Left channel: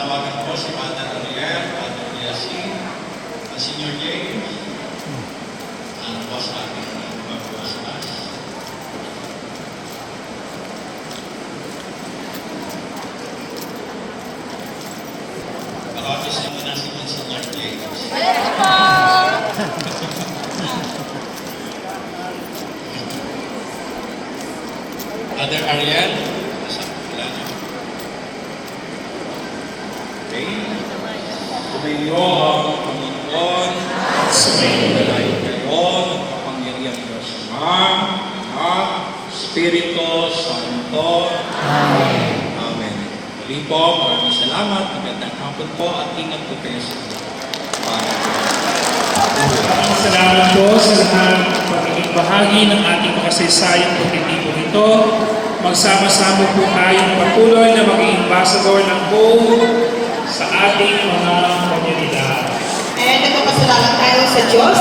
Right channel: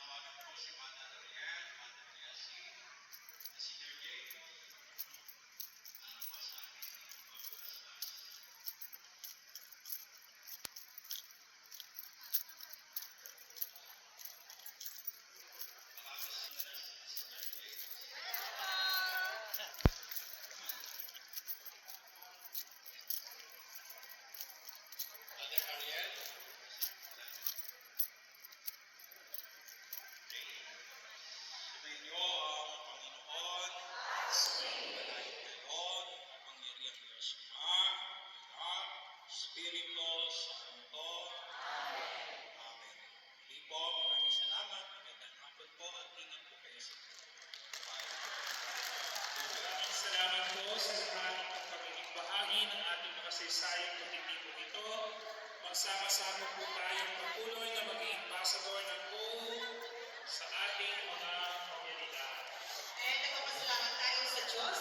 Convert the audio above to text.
Tatawagan po si Father Ariel, Father Yasin, Senior James, ang boss natin, mag-boss. Pakapis naman na si Senior James. Father Ariel, nasa pula niyo. Okay. Tumayo ang Panginoon, sumayin kayo, kapangyarihan Diyos Ama, Anak, Espiritu Santo. Amen. Amen. Muli po, maraming salamat, magandang hapon po at ingat po kayo sa Maraming salamat po sa lahat ng pagiging bahagi ng ating makasaysayang pagtitipon ito. Magsama-sama po tayong patuloy na maging ambassador ng hope sa ating mga komunidad. And nagpapasalamat tayo sa Diyos.